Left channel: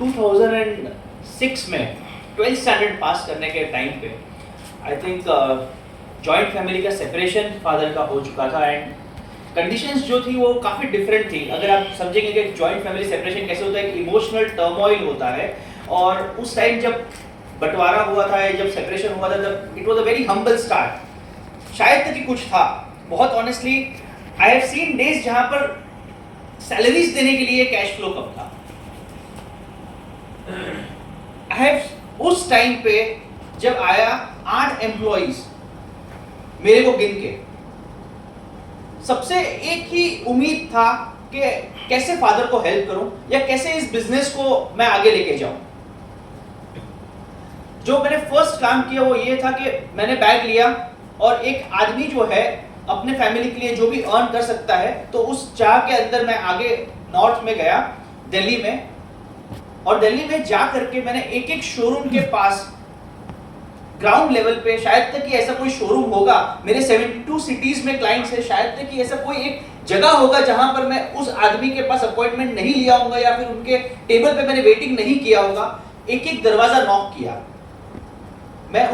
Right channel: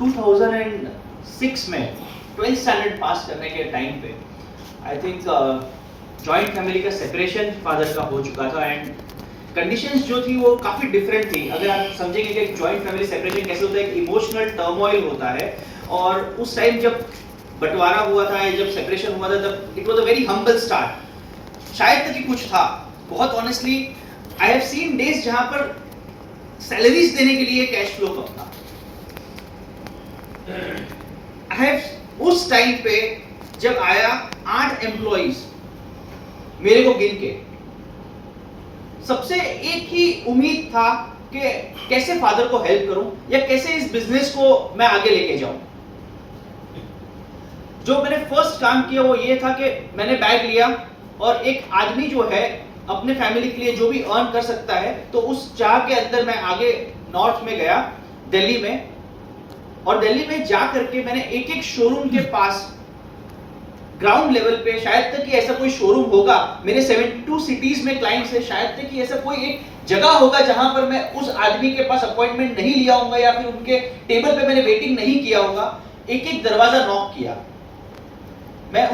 2006 में 12th standard पास करने के टाइम पे आई थिंक जॉइंट फैमिली का सेपरेशन फादर का हो चुका था एंड कंडीशंस जो थी वो काफ़ी डिफरेंट थी। अगर आप समझेंगे कि जॉइंट फैमिली सेपरेशन कैसे होता है, एक इमोशनल टर्मोइल होता है और उस टाइम जब बंटवारा हुआ था, जब सेपरेशन हुआ था, तब it was a very humble start. शायद तक ही कुछ था, बहुत honestly I have seen days जहां पर सैलरीज देने के लिए कैश फ्लो कम था। आई हैव उस टाइम पे जब आया 8 एम्प्लॉइज मेरे को गिन के, सबसे एक ही उम्मीद था कि कैसे फादर को हेल्प करूं या कैसे इस बिजनेस को मैं आगे लेके जाऊं। जो मैंने फर्स्ट काम किया वो ये था कि मैंने बैग लिया और एक आदमी जो है अपने फैमिली के लिए जो भी अर्न कर सकता है, तो उस चाह के अंदर मैं आगे नॉर्थ में गया, दिल्ली में, और दिल्ली में जा करके मैंने एक एक शोरूम के पास ग्राउंड लेवल पे, शायद तक कि ऐसा कोई शोरूम होगा, मेरे 72 सिटीज में क्लाइंट्स है, शायद तक कि ऐसा कोई एक जगह होगा जहां पर मैं उस आदमी के पास अपॉइंटमेंट नहीं लिया होगा या फिर उनके टेबल पे मैंने वेटिंग नहीं किया होगा। एक एक दरवाजा नॉक किया। मैं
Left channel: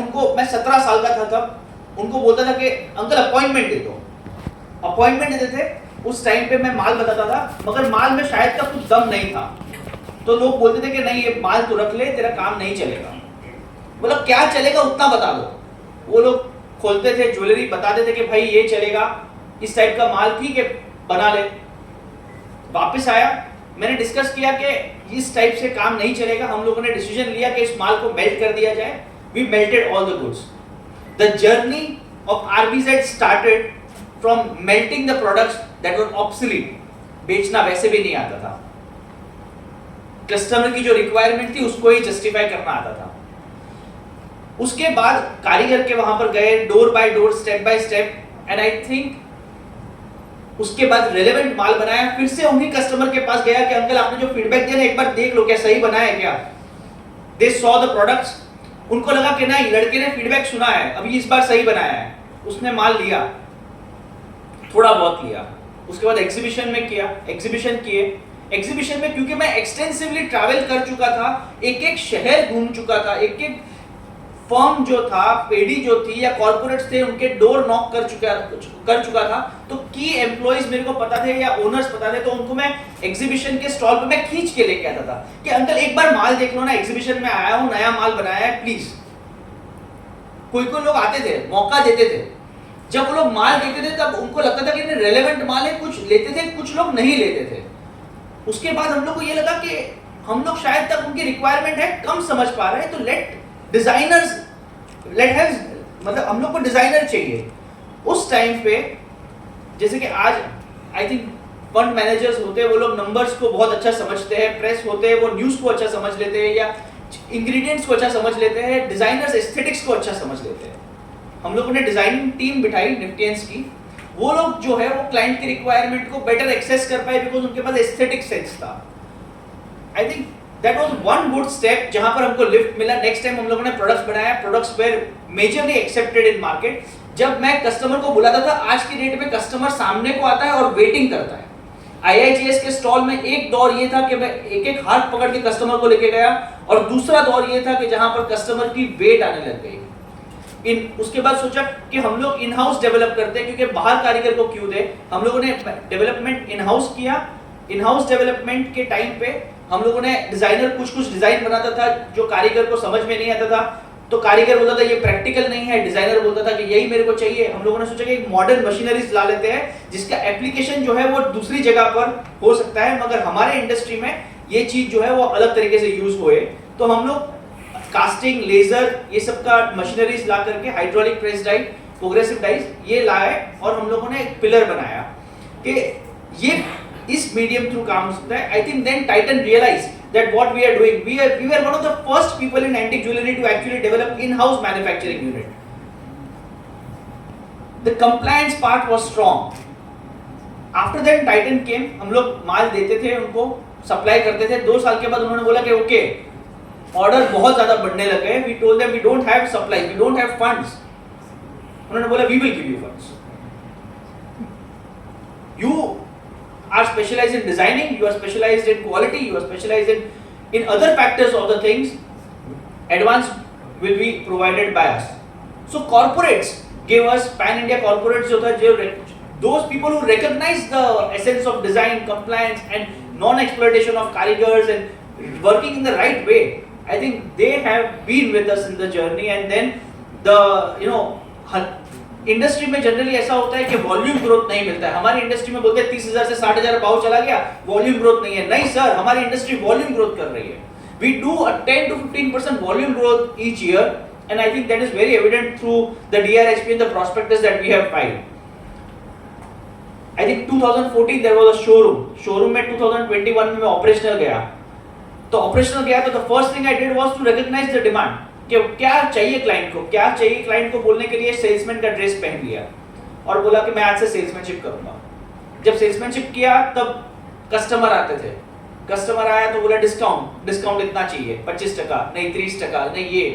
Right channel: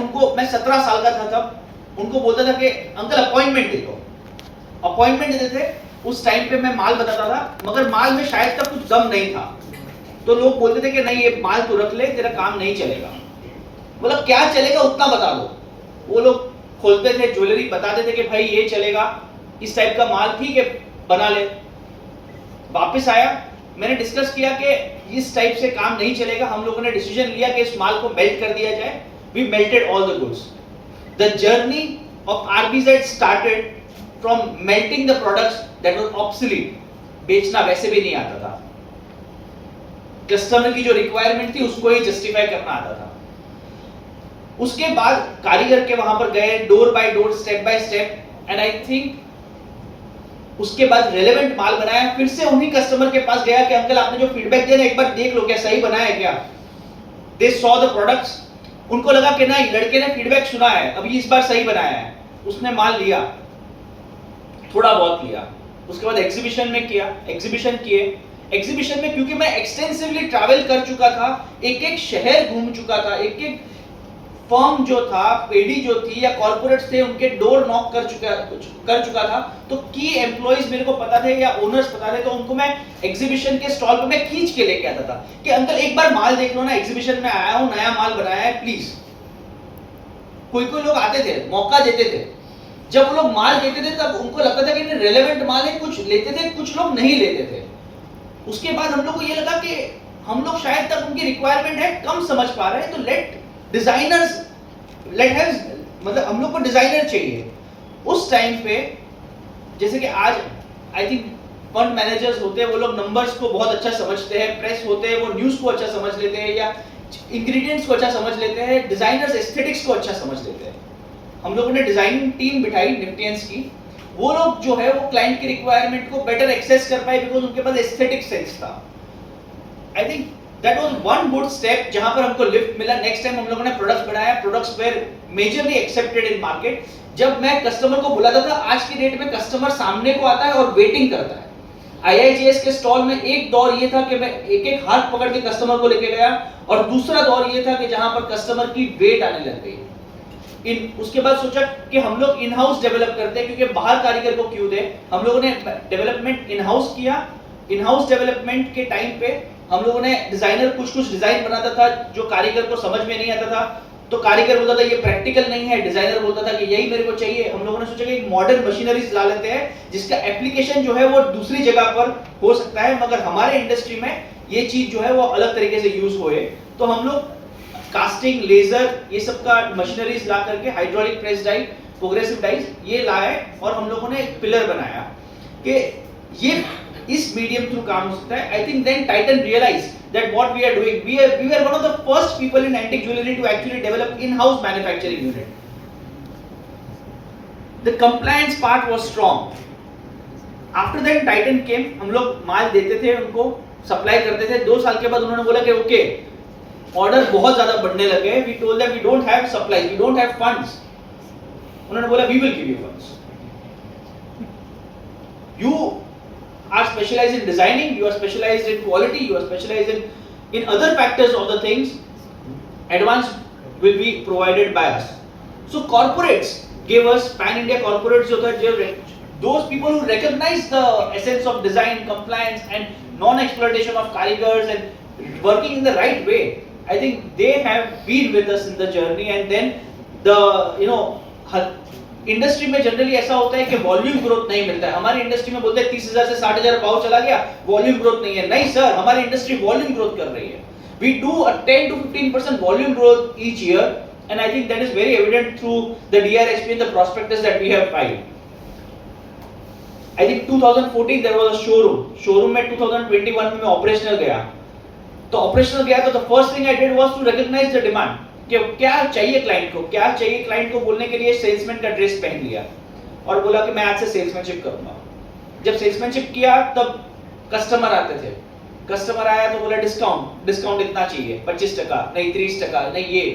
17 साल का था तब, उनको बोलता था कि अंकल अपॉइंटमेंट दे दो, अपॉइंटमेंट देते थे। उस टाइम पे मैं माल बताता था, मगर माल में शायद तक कुछ दम नहीं था, तो लोग बोलते थे कि नहीं ये माल तू रख ले, तेरा काम नहीं चलेगा। बोला क्या चलेगा उतना बता दो। वो लोग खोलते थे ज्वेलरी, बताते थे कि भाई ये चलेगा, इस टाइप का माल ठीक है बना ले। वापस आया, मैंने डिस्कस किया कि इस टाइप से काम नहीं चलेगा। हम लोगों ने डिसीजन लिया कि इस माल को मेल्ट कर दिया जाए। We melted all the goods. The journey of RBZ started from melting the products that was obsolete. बेचना वैसे भी नहीं आता था, कस्टमर की जो रिक्वायरमेंट थी उसको ही जस्टिफाई करना आता था। उसके बाद कारीगर के वहां पर गए, door by door, step by step, and I think उसके बाद रिलेवेंट माल बनाया। फिर से उन्हीं कस्टमर के पास गया कि अंकल आपने जो फीडबैक दिया ना, एक बार देख लो क्या सही बनाया है क्या। दे सॉ द प्रोडक्ट्स, उनको लगा कि नहीं लड़के ने फीडबैक सुना है, अभी इस बार सही बनाया है। उसने माल लिया, थोड़ा बहुत लिया, उसके बाद एग्जीबिशन में किया, एग्जीबिशन किए। एग्जीबिशन में क्योंकि मैं एक्सटेंसिवली ट्रैवल कर चुका था, एक एक शहर घूम चुका था, एक एक फर्म जो था, पेडी जो थी या कॉर्पोरेट्स थे, उनके डोर नॉक कर चुका था, तो की एम्प्लॉइज मेरे को पता थे या ओनर्स पता थे, तो उनको मैं एग्जीबिशन के स्टॉल पे मैं खींच के लेके आता था कि अंकल एक बार माल देख लो ना, एग्जीबिशन में आया हूं, नया माल बनाया है, प्लीज। कोई कोई लोग आते थे, मौका देते थे। जब वो लोग माल देते थे तब उनको लगता था कि रेलेवेंट माल है, कुछ लेते थे, कुछ लोग नहीं लेते थे। उसके बाद हम लोग को ये लगा कि हम लोग शायद तक उनकी रिक्वायरमेंट है कम समझ पा रहे हैं, तो लेट डिजाइनर्स, मतलब हम लोग को डिजाइनर चाहिए। उस टाइम पे जैसे कि आज आई थिंक फंड मैनेजर्स होते हैं, वो लोग नंबर्स को बहुत अच्छा समझते हैं, प्रेस होते हैं वो न्यूज़ को अच्छा समझ लेते हैं या इंग्रेडिएंट्स को अच्छा समझ लेते हैं, डिजाइनर्स एस्थेटिक्स को अच्छा समझ लेते हैं। हम लोगों ने डिजाइनिंग टीम बिठाई निफ्टियंस की, वो लोग जो है वो क्लाइंट की रिक्वायरमेंट को बेटर एक्सेस कर पाए बिकॉज उनके पास एस्थेटिक सेंस था। I think that was one good step जहां पर हमको लिफ्ट मिला। नेक्स्ट टाइम हम लोगों ने प्रोडक्ट्स बनाया, products were majorly accepted in market. जब मैं कस्टमर को बुलाता था, आज की डेट में कस्टमर सामने को आता है और वेटिंग करता है। IIGS के स्टॉल में एक दौर ये था कि मैं एक एक हाथ पकड़ के कस्टमर को लेके गया, और दूसरा दौर ये था कि जहां पर कस्टमर की वेट आने लग गई। उसके बाद सोचा कि हम लोग इन हाउस डेवलप करते हैं, क्योंकि बाहर कारीगर को क्यों दे। हम लोगों ने डेवलपमेंट इन हाउस किया। इन हाउस डेवलपमेंट के टाइम पे हम लोगों ने डिजाइनर कुछ डिजाइन बनाता था जो कारीगर को समझ में नहीं आता था, तो कारीगर बोलता था ये प्रैक्टिकल नहीं है, डिजाइनर बोलता था कि यही मेरे को चाहिए। हम लोगों ने सोचा कि एक मॉडर्न मशीनरीज ला लेते हैं जिसका एप्लीकेशन जो है वो दूसरी जगह पर हो सकता है, मगर हमारे इंडस्ट्री में ये चीज जो है वो अलग तरीके से यूज होए। तो हम लोग कास्टिंग, लेजर, ये सब का मशीनरीज ला करके, hydraulic press die, progressive dies ये लाए, और हम लोगों ने एक पिलर बनाया कि ये इस मीडियम थ्रू काम हो सकता है। I think then Titan realised that what we are doing, we were one of the first people in antique jewelry to actually develop in-house manufacturing unit. The compliance part was strong. After that Titan came, हम लोग माल देते थे, उनको supply करते थे। 2 साल के बाद उन्होंने बोला कि ओके ऑर्डर बहुत ज्यादा बढ़ने लगे। We told them we don't have supplies, we don't have funds. उन्होंने बोला we will give you funds. You are specialized in designing, you are specialized in quality, you are specialized in In other factors of the things, advance will be provided by us. So corporates gave us, pan India corporates जो था, those people who recognize the essence of design, compliance and non-exploitation of karigars and working in the right way. I think they have been with us in the journey. And then the industry में generally ऐसा होता है कि volume growth नहीं मिलता है. हमारी industry में बोलते हैं 30,000 से 60,000 पाव चला गया, वॉल्यूम ग्रोथ नहीं है. नहीं सर, हमारी इंडस्ट्री वॉल्यूम ग्रोथ कर रही है. We do a 10 to 15% volume growth each year, and I think that is very evident through the DRHP and the prospectus that we have filed. I think 2014 there was a showroom. Showroom में 2021 में मैं operational गया. तो operational गया तो the first thing I did was to recognize the demand. कि क्या चाहिए क्लाइंट को, क्या चाहिए क्लाइंट को बोलने के लिए सेल्समैन का ड्रेस पहन लिया और बोला कि मैं आज से सेल्समैनशिप करूंगा. जब सेल्समैनशिप किया तब कस्टमर आते थे. कस्टमर आया तो बोला डिस्काउंट इतना चाहिए, 25%, नहीं 30%, नहीं ये.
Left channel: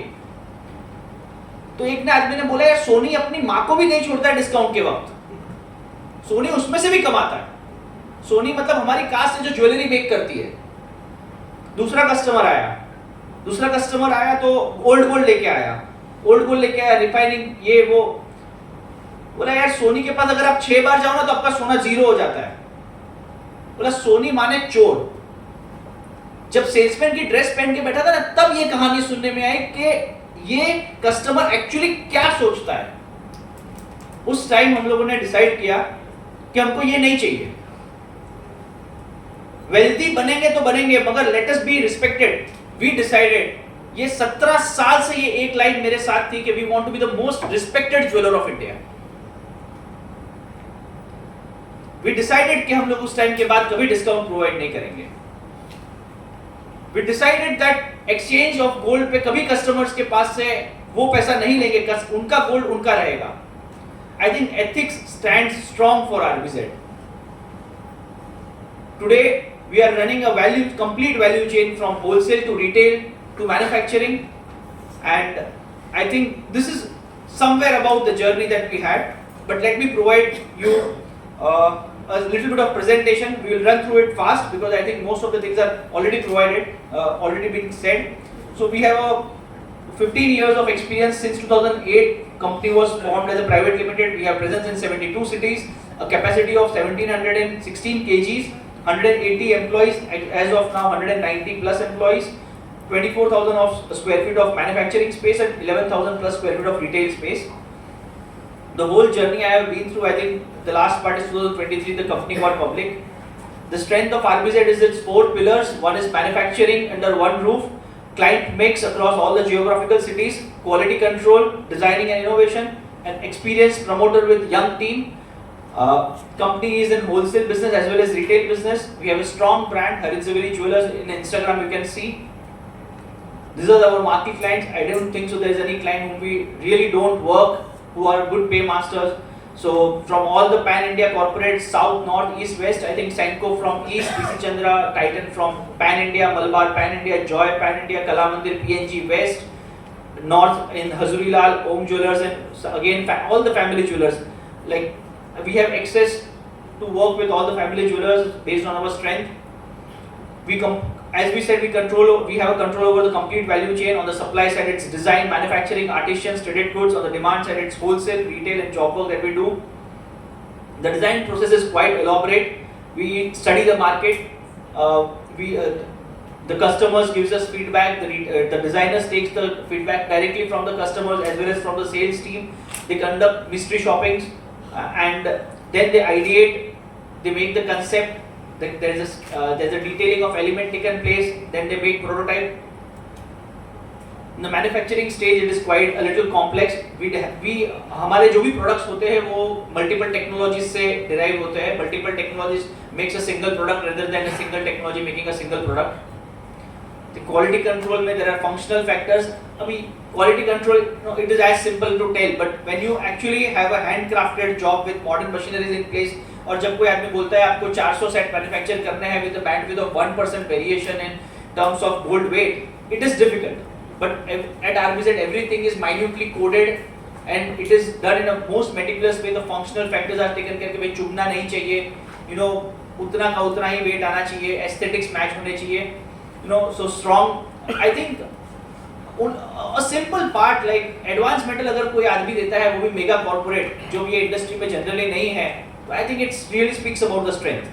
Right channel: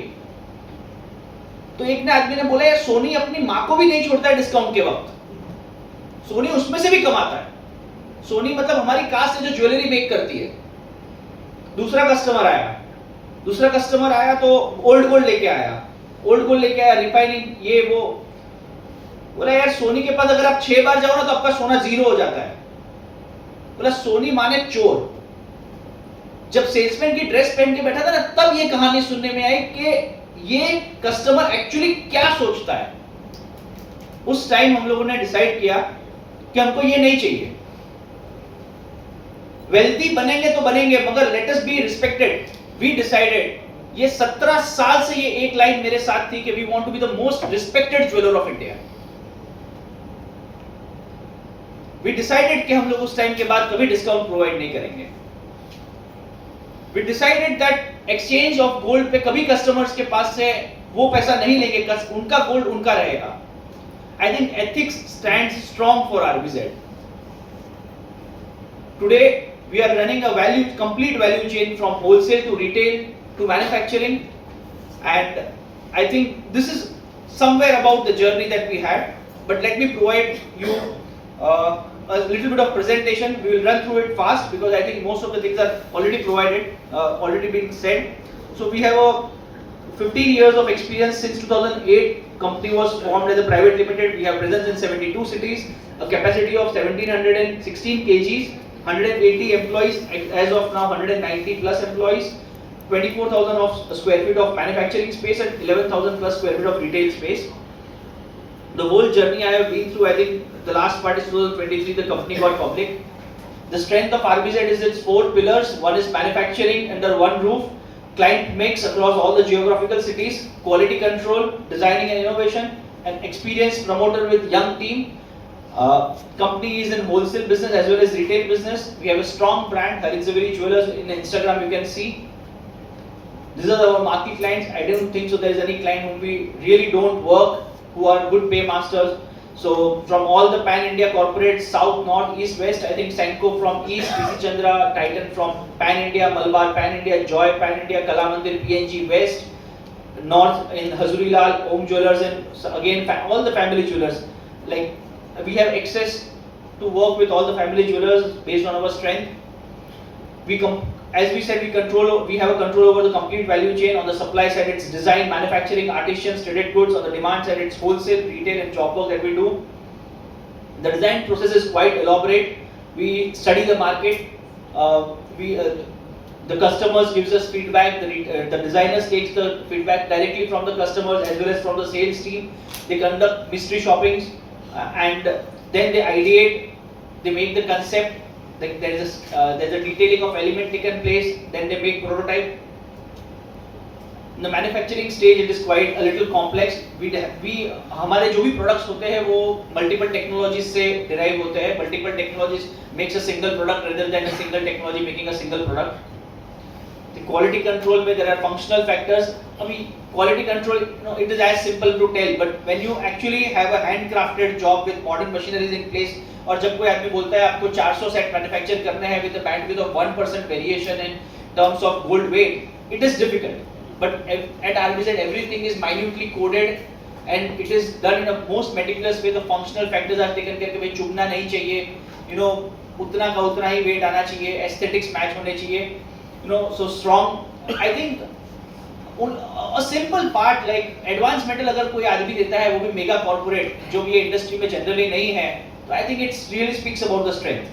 तो एक ना आदमी ने बोला यार सोनी अपनी माँ को भी नहीं छोड़ता है डिस्काउंट के वक्त, सोनी उसमें से भी कमाता है. सोनी मतलब हमारी कास्ट है जो ज्वेलरी मेक करती है. दूसरा कस्टमर आया तो ओल्ड गोल्ड लेके आया, रिफाइनिंग ये वो. बोला यार सोनी के पास अगर आप 6 बार जाओ ना तो आपका सोना 0 हो जाता है. बोला सोनी माने चोर. जब सेल्समैन की ड्रेस पहन के बैठा था ना तब ये कहानी सुनने में आई कि ये कस्टमर एक्चुअली क्या सोचता है. उस टाइम हम लोगों ने डिसाइड किया कि हमको ये नहीं चाहिए. वेल्थी बनेंगे तो बनेंगे मगर let us be respected. We decided, ये 17 साल से ये एक लाइन मेरे साथ थी कि we want to be the most respected jeweller of India. We decided कि हम लोग उस टाइम के बाद कभी डिस्काउंट प्रोवाइड नहीं करेंगे. We decided that exchange of gold पे कभी customers के पास से वो पैसा नहीं लेंगे, उनका गोल्ड उनका रहेगा. I think ethics stands strong for RBZ. Today we are running a complete value chain from wholesale to retail to manufacturing, and I think this is somewhere about the journey that we had. But let me provide you a little bit of presentation. We will run through it fast because I think most of the things are already provided, already been said. So we have a 15 years of experience since 2008. Company was formed as a private limited. We have presence in 72 cities, a capacity of 1716 kgs, 180 employees, as of now 190 plus employees, 24,000 of square feet of manufacturing space and 11,000 plus square feet of retail space. The whole journey I have been through, I think the last part is 2023, the company got public. The strength of RBZ is its 4 pillars. One is manufacturing under one roof, client mix across all the geographical cities, quality control, designing and innovation, and experienced promoter with young team. Company is in wholesale business as well as retail business. We have a strong brand, Harit Zaveri Jewelers. In Instagram you can see. These are our marquee clients. I don't think so there is any client whom we really don't work, who are good paymasters. So from all the pan-India corporates, south, north, east, west, I think Senco from east, PC Chandra, Titan from pan-India, Malabar pan-India, Joy pan-India, Kalamandir, PNG west, north in Hazuri Lal, Om Jewelers, and again all the family jewelers. Like we have access to work with all the family jewelers based on our strength. As we said, we have control over the complete value chain. On the supply side, it's design, manufacturing, artisans, traded goods. On the demand side, it's wholesale, retail, and job work that we do. The design process is quite elaborate. We study the market. The customers gives us feedback. The designers takes the feedback directly from the customers as well as from the sales team. They conduct mystery shoppings, and then they ideate. They make the concept. There's a detailing of element taken place, then they make prototype. In the manufacturing stage, it is quite a little complex. हमारे जो भी products होते हैं वो multiple technologies से derive होते हैं. Multiple technologies makes a single product rather than a single technology making a single product. The quality control में there are functional factors. अभी quality control, it is as simple to tell, but when you actually have a handcrafted job with modern machineries in place, और जब कोई आदमी बोलता है आपको 400 set manufacture करने हैं with a bandwidth of 1% variation in terms of gold weight, it is difficult. But at RBZ everything is minutely coded and it is done in a most meticulous way. The functional factors are taken care कि भाई चुभना नहीं चाहिए, उतना का उतना ही weight आना चाहिए, aesthetics match होने चाहिए. so strong. I think a simple part like advanced metal अगर कोई आदमी देता है वो भी मेगा कॉर्पोरेट जो भी ये इंडस्ट्री में जनरली नहीं है, तो I think it really speaks about the strength.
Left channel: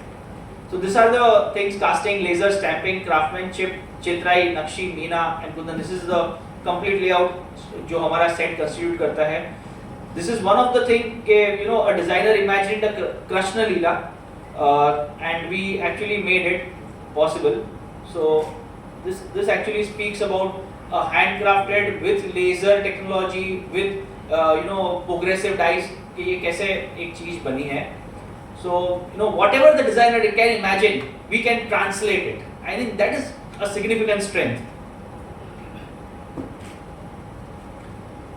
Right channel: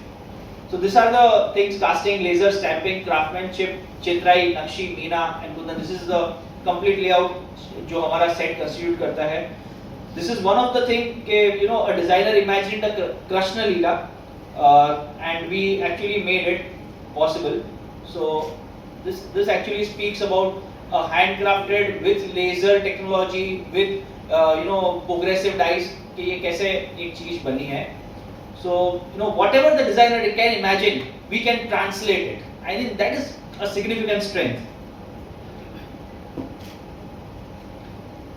So these are the things: casting, laser, stamping, craftsmanship, चित्राई, नक्शी, Meena and Kundan. This is the complete layout जो हमारा set constitute करता है. This is one of the thing कि a designer imagined a Krishna Leela and we actually made it possible. So this actually speaks about handcrafted with laser technology with progressive dies कि ये कैसे एक चीज बनी है. So whatever the designer can imagine, we can translate it. I think that is a significant strength.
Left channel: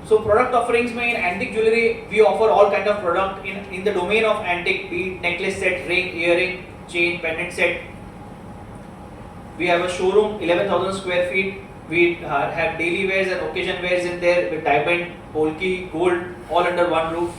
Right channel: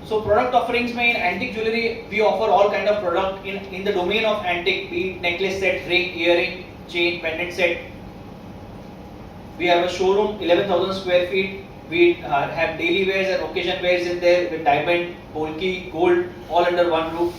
So product offerings में in antique jewelry we offer all kind of product in the domain of antique, be it necklace set, ring, earring, chain, pendant set. We have a showroom 11,000 square feet. We have daily wears and occasion wears in there with diamond, polki, gold, all under one roof.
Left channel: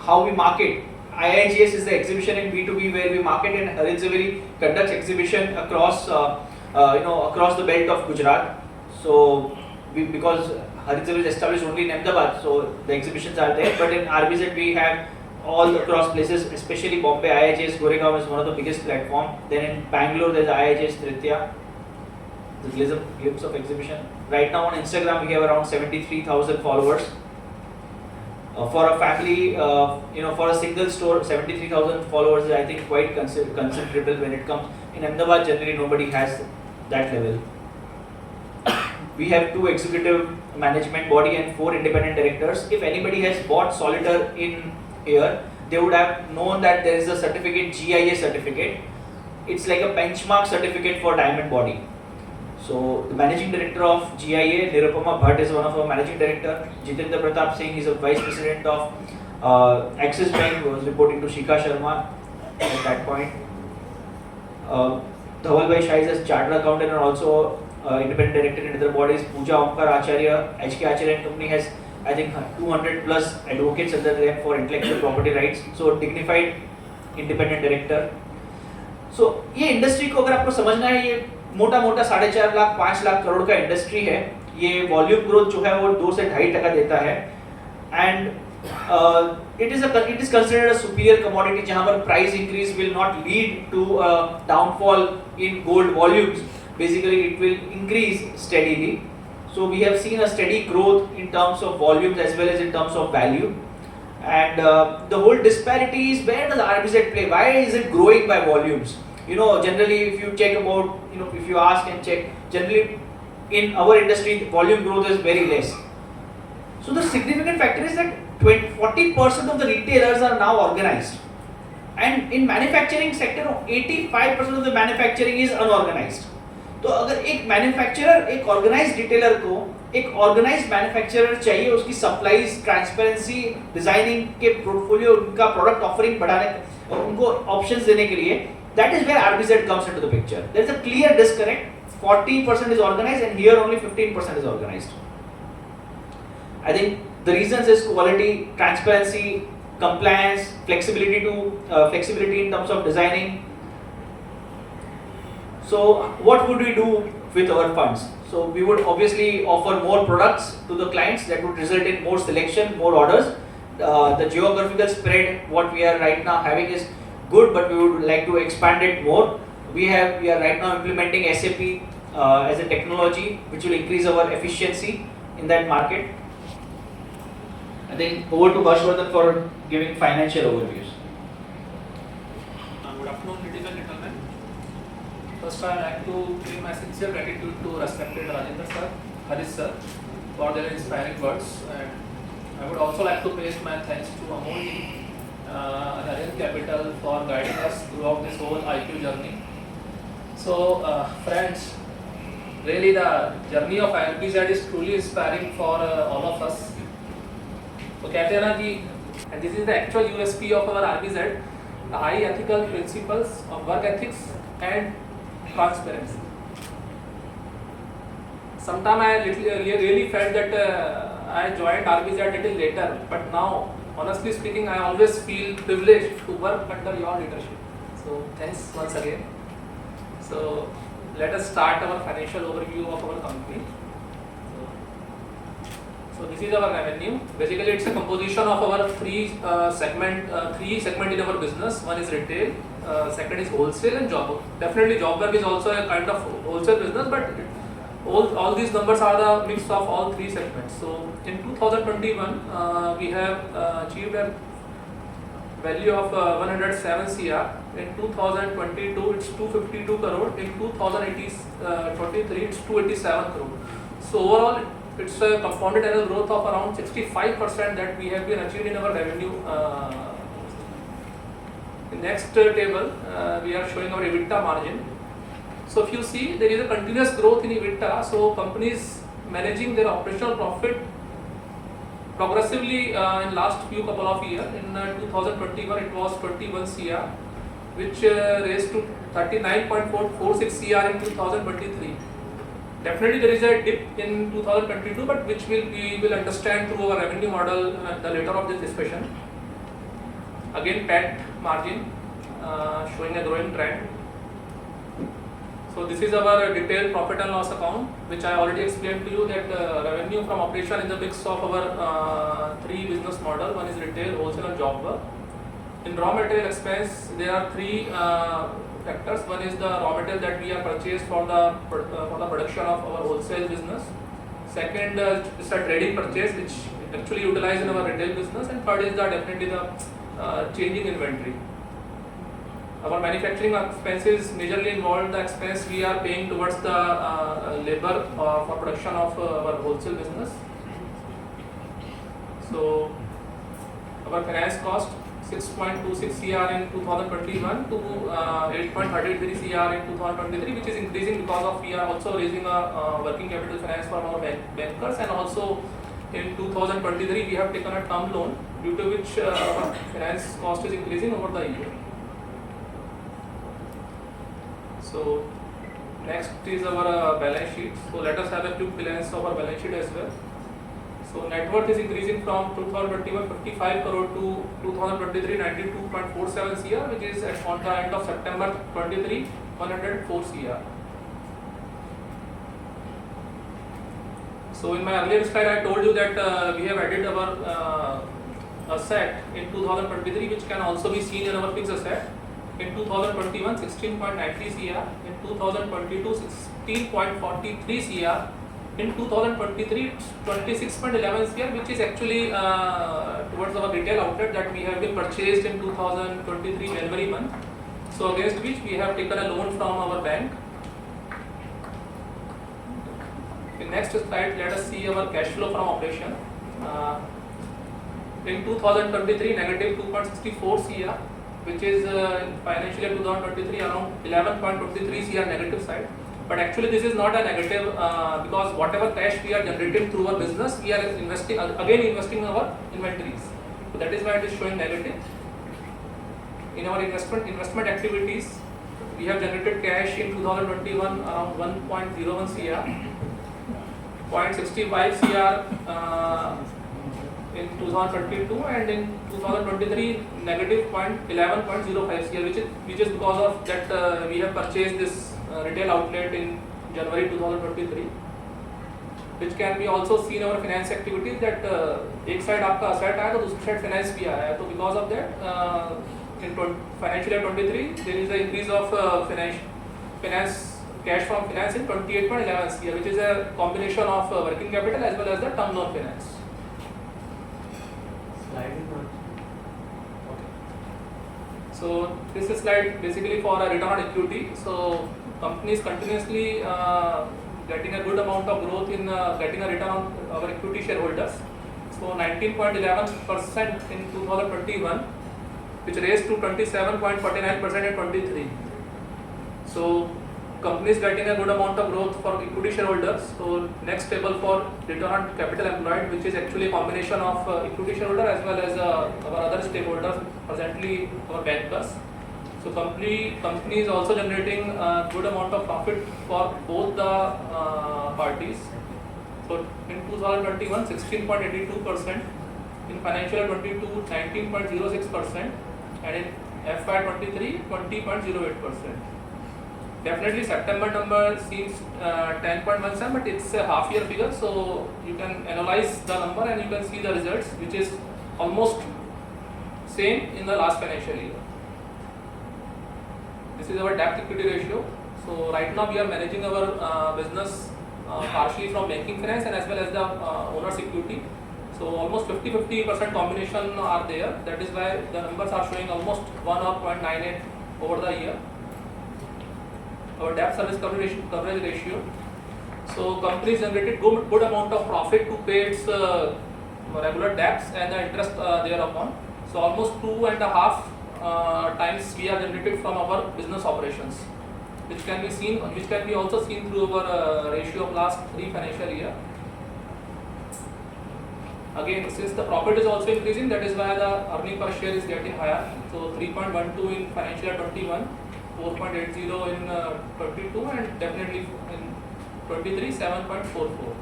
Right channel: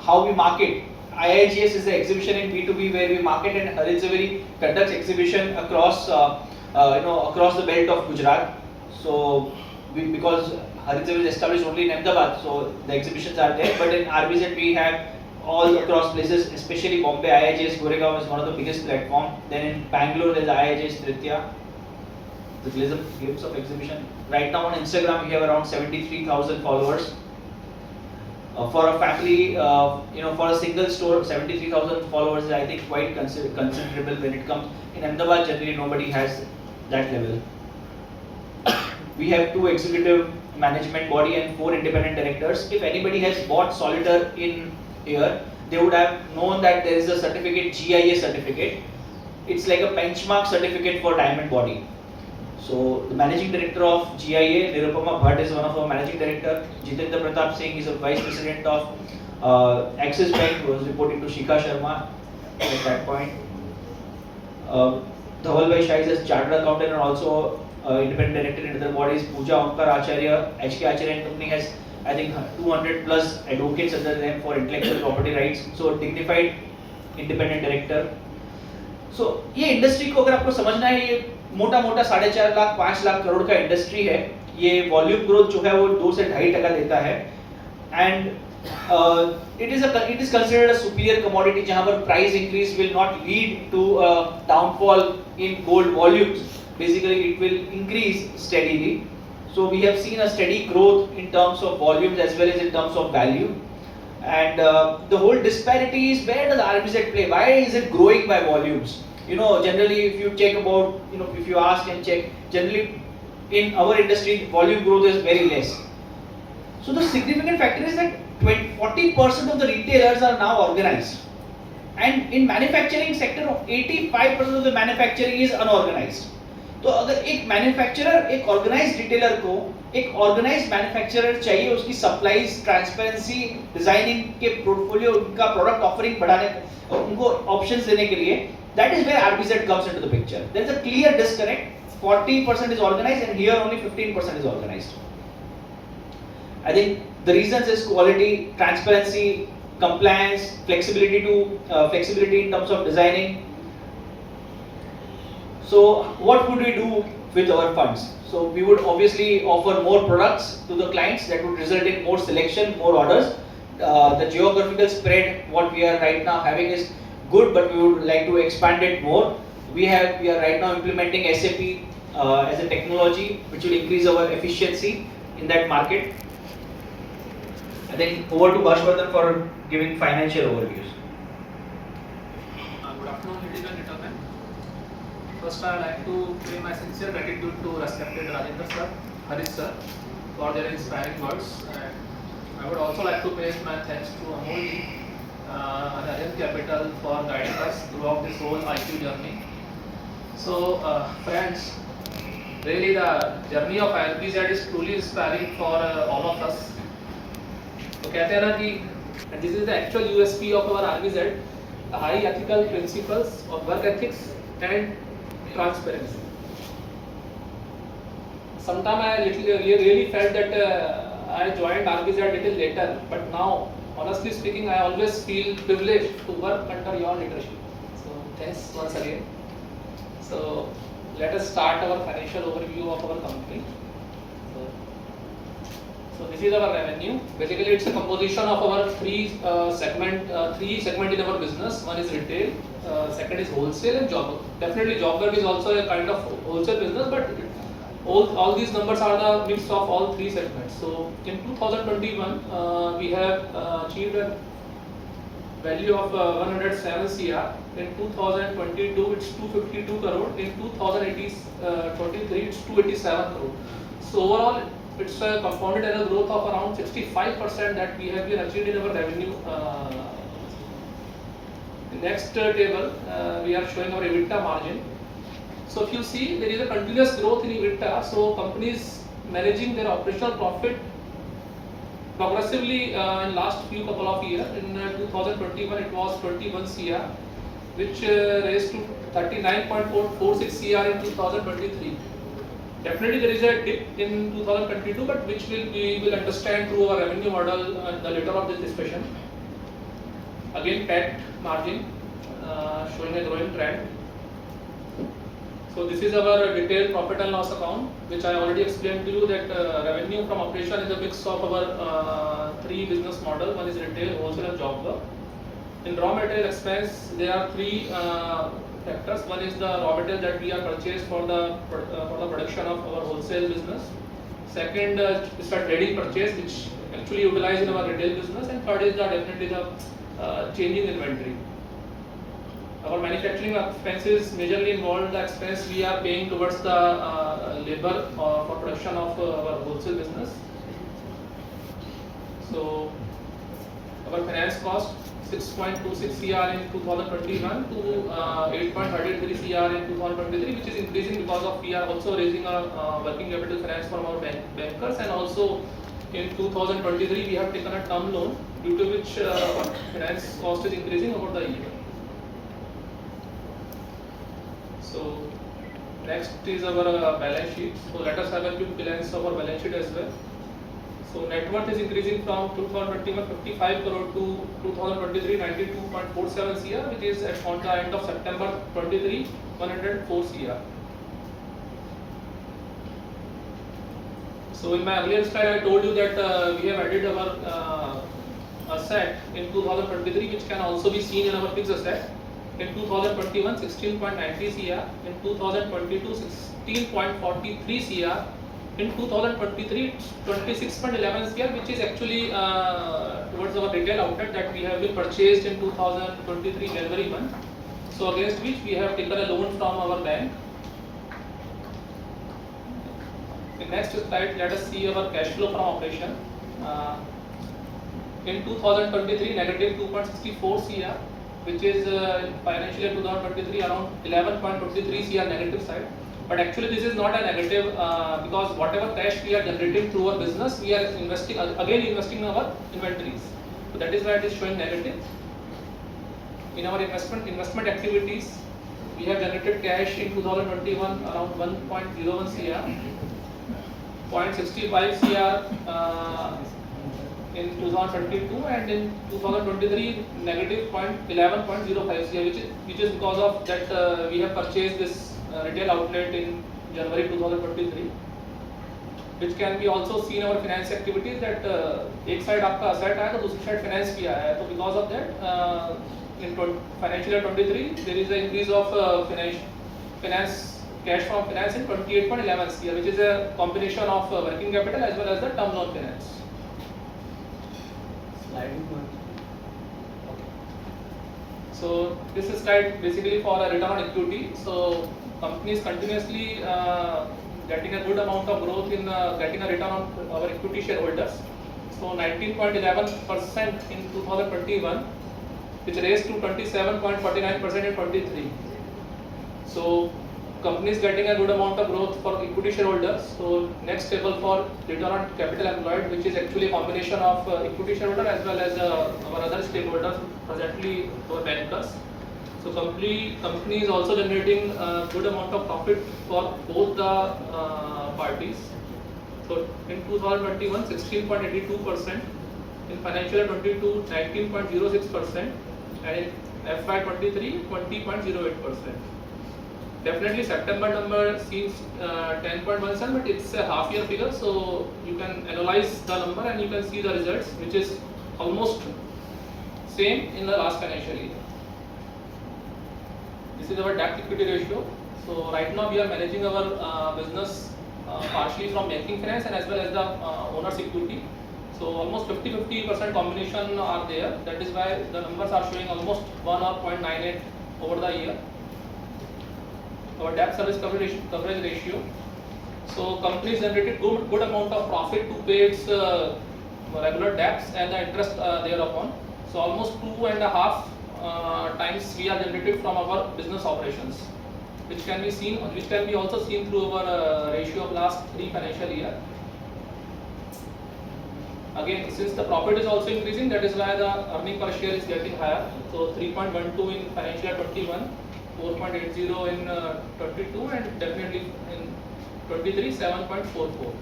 How we market? IIGS is the exhibition in B2B where we market, and Harit Zaveri conducts exhibition across across the belt of Gujarat. So because Harit Zaveri is established only in Ahmedabad, so the exhibitions are there. But in RBZ we have all across places, especially Bombay. IIGS Goregaon is one of the biggest platform. Then in Bangalore there's IIGS Nritya. The glimpse of exhibition. Right now on Instagram we have around 73,000 followers. For a family, for a single store, 73,000 followers is I think quite considerable when it comes. In Ahmedabad generally nobody has that level. We have 2 executive management body and 4 independent directors. If anybody has bought Solitaire in here, they would have known that there is a certificate, GIA certificate. It's like a benchmark certificate for diamond body. So the managing director of GIA, Nirupama Bhatt, is one of our managing director. Jitendra Pratap Singh is a vice president of Axis Bank, who was reporting to Shikha Sharma at that point. Dhaval Bhai Shah is a chartered accountant and also independent director in other bodies. Pooja Omkar Acharya, HK Acharya and Company has I think 200 plus advocates under them for intellectual property rights. So dignified independent director. So ये industry को अगर आपको समझना है, ये मोटा 4.5 लाख 5 लाख करोड़ का industry है. ये वॉल्यूम ग्रोथ जो है वो 2 से 2.5% देता है. And it is considered a superior commodity जहाँ पर price increase will not lead to a downfall in gold volumes. Basically it will increase steadily. So we have seen a steady growth in terms of volumes as well as in terms of value. And the whole disparity is, where does RBZ play? Why is it growing by volumes? Generally if you check about, if you ask and check, generally in our industry volume growth is very less. So the significant factor is that 40% of the retailers are now organized. And in manufacturing sector, 85% of the manufacturing is unorganized. तो अगर एक manufacturer एक organised retailer को एक organised manufacturer चाहिए उसकी supplies, transparency, designing के portfolio, उनका प्रोडक्ट ऑफरिंग बढ़ाने, उनको ऑप्शंस देने के लिए, that is where RBZ comes into the picture. There is a clear disconnect. 40% is organized and here only 15% is organized. I think the reasons is quality, transparency, compliance, flexibility in terms of designing. So what would we do with our funds? So we would obviously offer more products to the clients that would result in more selection, more orders. The geographical spread what we are right now having is good, but we would like to expand it more. We are right now implementing SAP as a technology which will increase our efficiency in that market. I think over to Harshvardhan for giving financial overviews. Good afternoon, ladies and gentlemen. First, I would like to pay my sincere gratitude to respected Rajendra sir, Harish sir, for their inspiring words. And I would also like to pay my thanks to Amol Arihant Capital for guiding us throughout this whole IQ journey. So, friends, really the journey of IRBZ is truly inspiring for all of us. तो कहते हैं ना कि this is the actual USP of our RBZ, the high ethical principles of work ethics and transparency. Sometime I really felt that I joined RBZ a little later, but now, honestly speaking, I always feel privileged to work under your leadership. So Thanks once again. So let us start our financial overview of our company. So this is our revenue. Basically, it's a composition of our three segment in our business. One is retail, second is wholesale, and job work. Definitely, job work is also a kind of wholesale business, but all these numbers are the mix of all three segments. So in 2021, we have achieved a value of 107 CR. In 2022, it's 252 crore. In 2023, it's 287 crore. So overall, it's a compounded annual growth of around 65% that we have been achieved in our revenue. In next table, we are showing our EBITDA margin. So if you see, there is a continuous growth in EBITDA. So companies managing their operational profit progressively in last few couple of years. In 2021, it was 21 CR, which raised to 39.46 CR in 2023. Definitely there is a dip in 2022, but which we will understand through our revenue model the later of this discussion. Again, PAT margin showing a growing trend. So this is our detailed profit and loss account, which I already explained to you that revenue from operation is a mix of our three business model. One is retail, wholesale, and job work. In raw material expense, there are three factors. One is the raw material that we have purchased for the production of our wholesale business. Second is the trading purchase, which actually utilized in our retail business. And third is definitely the change in inventory. Our manufacturing expenses majorly involve the expense we are paying towards the labor for production of our wholesale business. So our finance cost 6.26 CR in 2021 to 8.33 CR in 2023, which is increasing because of we are also raising a working capital finance from our bankers, and also in 2023 we have taken a term loan, due to which finance cost is increasing over the year. So next is our balance sheet. So let us have a quick glance of our balance sheet as well. So net worth is increasing from 2021 55 crore to 2023 92.47 CR, which is on the end of September 23 104 CR. So in my earlier slide, I told you that we have added our asset in 2023, which can also be seen in our fixed asset. In 2021, 16.93 CR. In 2022, 16.43 CR. In 2023, 26.11 CR, which is actually towards our retail outlet that we have been purchased in 2023 January month. So against which we have taken a loan from our bank. In next slide, let us see our cash flow from operation. In 2023, negative 2.64 CR, which is financial year 2023 around 11.23 CR negative side. But actually this is not a negative because whatever cash we are generating through our business, we are investing in our inventories. So that is why it is showing negative. In our investment activities, we have generated cash in 2021 around 1.01 CR, 0.65 CR in 2022, and in 2023 negative 11.05 CR, which is because of that we have purchased this retail outlet in January 2023, which can be also seen in our finance activities that एक side आपका asset आया तो दूसरी side finance भी आया है. तो because of that in financial year 23 there is an increase of finance cash from finance in 28.11 CR, which is a combination of working capital as well as the term loan finance. So this is slide basically for a return on equity. So companies continuously getting a good amount of growth in getting a return on our equity shareholders. So 19.11% in 2021, which raised to 27.49% in 23. So companies getting a good amount of growth for equity shareholders. So next table for return on capital employed, which is actually a combination of equity shareholder as well as our other stakeholders, presently our bankers. So company is also generating a good amount of profit for both the parties. So in 2021, 16.82%. In financial year 22, 19.06%. And in FY23 20.08%. Definitely September number seems 10.17, but it's a half year figure, so you can analyze the number and you can see the results, which is almost same in the last financial year. This is our debt equity ratio. So right now we are managing our business partially from banking finance and as well as the owner's equity. So almost 50-50% combination are there. That is why the numbers are showing almost 1 or 0.98 over the year. Our debt service coverage ratio. So companies generated good amount of profit to pay its regular debts and the interest thereupon. So almost 2.5 times we are generated from our business operations, which can be also seen through our ratio of last 3 financial year. Again, since the profit is also increasing, that is why the earning per share is getting higher. So 3.12 in financial year 21, 4.80 in 22, and definitely in 23, 7.44.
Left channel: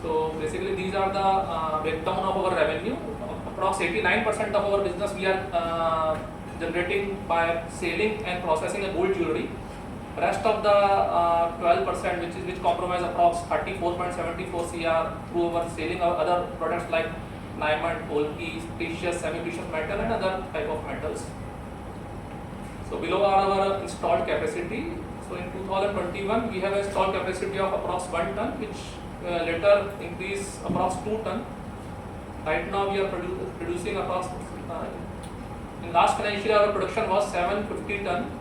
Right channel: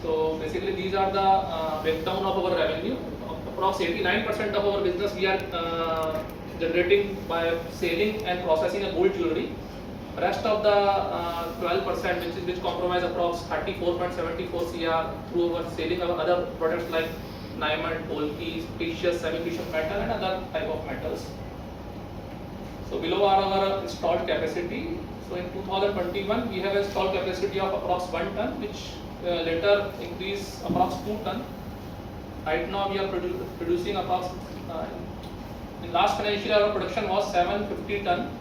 So basically these are the breakdown of our revenue. Approx 89% of our business we are generating by selling and processing a gold jewelry. Rest of the 12% which comprise approx 34.74 CR through our selling of other products like diamond, polki, precious, semi-precious metal and other type of metals. So below are our installed capacity. So in 2021 we have installed capacity of approx 1 ton, which later increase approx 2 ton. Right now we are producing approx in last financial year our production was 750 ton.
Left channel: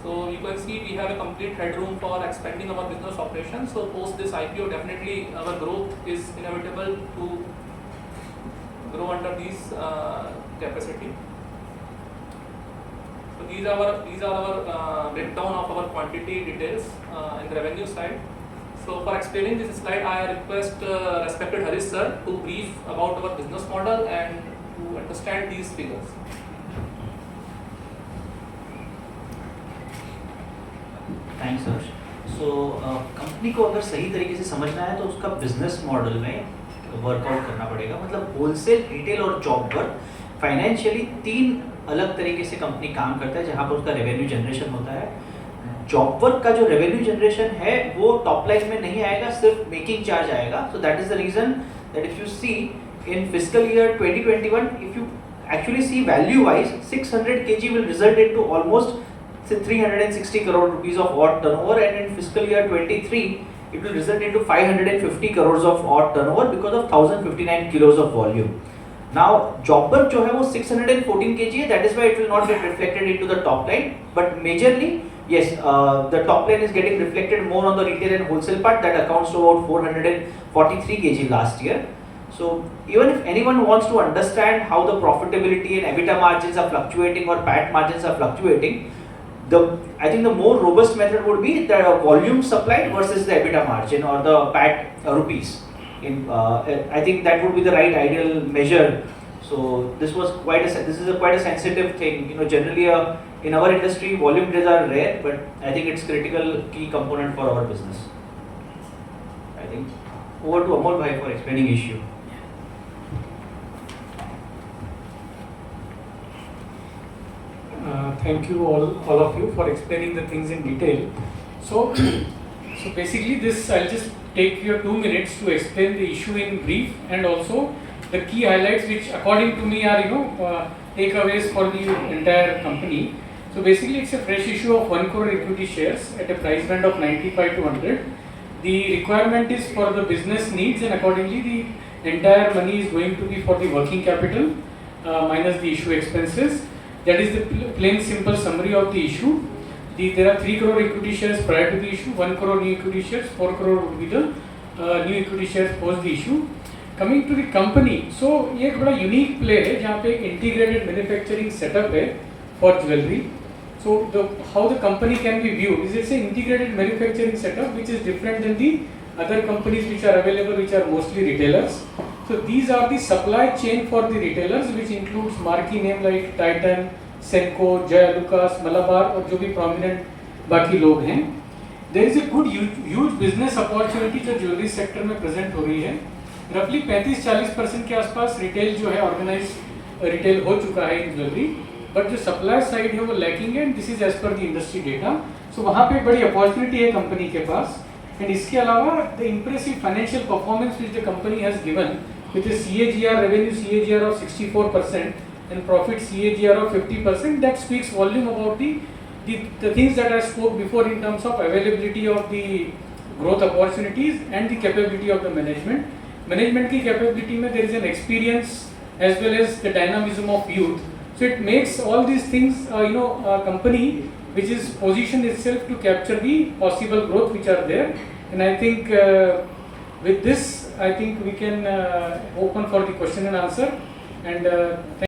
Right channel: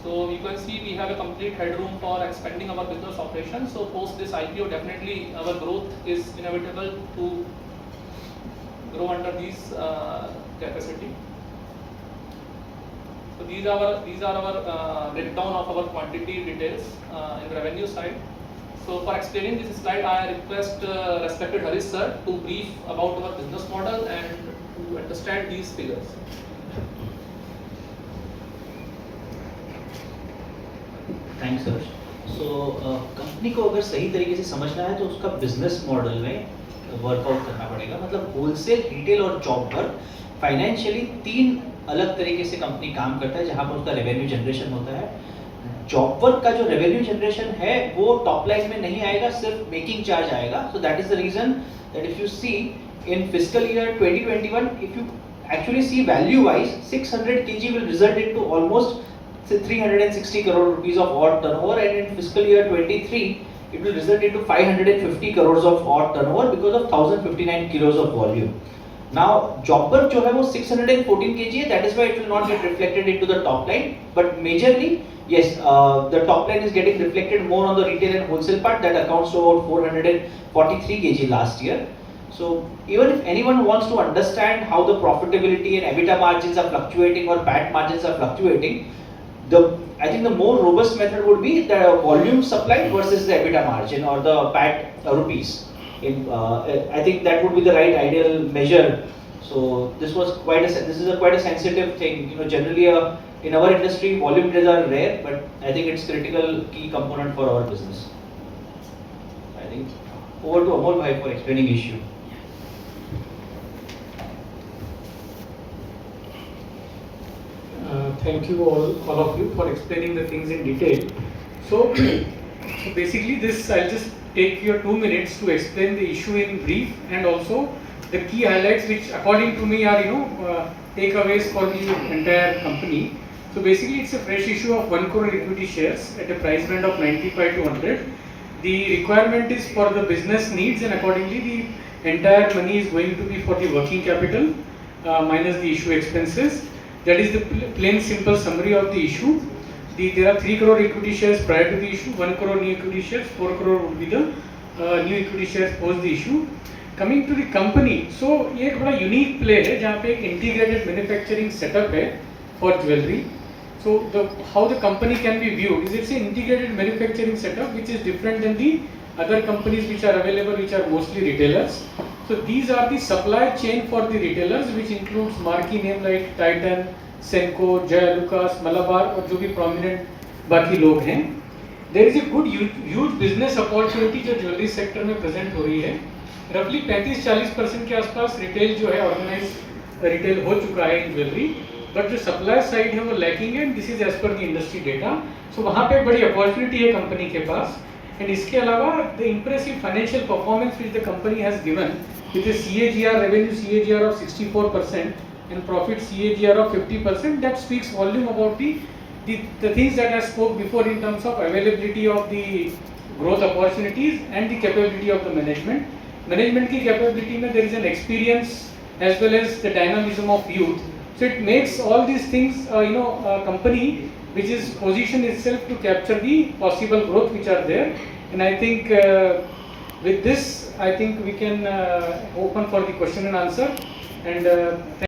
So you can see we have a complete headroom for expanding our business operations. So post this IPO, definitely our growth is inevitable to grow under these capacity. So these are our breakdown of our quantity details in the revenue side. So for explaining this slide, I request respected Harish sir to brief about our business model and to understand these figures. Thanks sir. So company को अगर सही तरीके से समझना है तो उसका business model में वर्कआउट करना पड़ेगा. मतलब होलसेल, रिटेल और जॉब वर्क फाइनेंशियली 3 अलग तरीके से कंपनी काम करता है जहाँ पर उसका रेवेन्यू जनरेशन होता है. जॉब वर्क का जो रेवेन्यू जनरेशन है वो टॉप लाइन में नहीं आएगा, सिर्फ मेकिंग चार्ज आएगा. So that is the reason that if you see in fiscal year 2021 if you actually see value wise 600 kg will result into almost 360 crore rupees of odd turnover, and in fiscal year 23 it will result into 550 crores of odd turnover because of 1059 kilos of volume. Now job work जो है वो 614 kg है, that is why it will not get reflected into the top line, but majorly yes, the top line is getting reflected more on the retail and wholesale part. That accounts to about 443 kg last year. So even if anyone wants to understand how the profitability and EBITDA margins are fluctuating or PAT margins are fluctuating, I think the more robust method would be the volume supplied versus the EBITDA margin or the PAT rupees. I think that would be the right ideal measure. So this is quite a sensitive thing. You know, generally in our industry volume trades are rare, but I think it's critical key component for our business. I think over to Amol bhai for explaining issue. Thank you all of you for explaining the things in detail. So basically this I'll just take your 2 minutes to explain the issue in brief and also the key highlights which according to me are takeaways for the entire company. So basically it's a fresh issue of 1 crore equity shares at a price band of 95 to 100. The requirement is for the business needs and accordingly the entire money is going to be for the working capital minus the issue expenses. That is the plain simple summary of the issue. There are 3 crore equity shares prior to the issue, 1 crore new equity shares, 4 crore would be the new equity shares post the issue. Coming to the company, so ये एक बड़ा unique play है जहाँ पे एक integrated manufacturing setup है for jewelry. So how the company can be viewed is it's an integrated manufacturing setup which is different than the other companies which are available, which are mostly retailers. So these are the supply chain for the retailers, which includes marquee name like Titan, Senco, Jaya Lucas, Malabar और जो भी prominent बाकी लोग हैं. There is a good huge business opportunity जो jewelry sector में present हो रही है. रफली 35-40% के आसपास रिटेल जो है ऑर्गेनाइज रिटेल हो चुका है इन ज्वेलरी, बट जो सप्लाई साइड है वो लैकिंग है, this is as per the industry data. So वहाँ पे बड़ी अपॉर्चुनिटी है कंपनी के पास। एंड इसके अलावा the impressive financial performance which the company has given with the CAGR revenue CAGR of 64% and profit CAGR of 50%, that speaks volume about the things that I spoke before in terms of availability of the growth opportunities and the capability of the management. Management की capability में there is an experience as well as the dynamism of youth. So it makes all these things, a company which is positioned itself to capture the possible growth which are there. And I think with this, I think we can open for the question and answer. And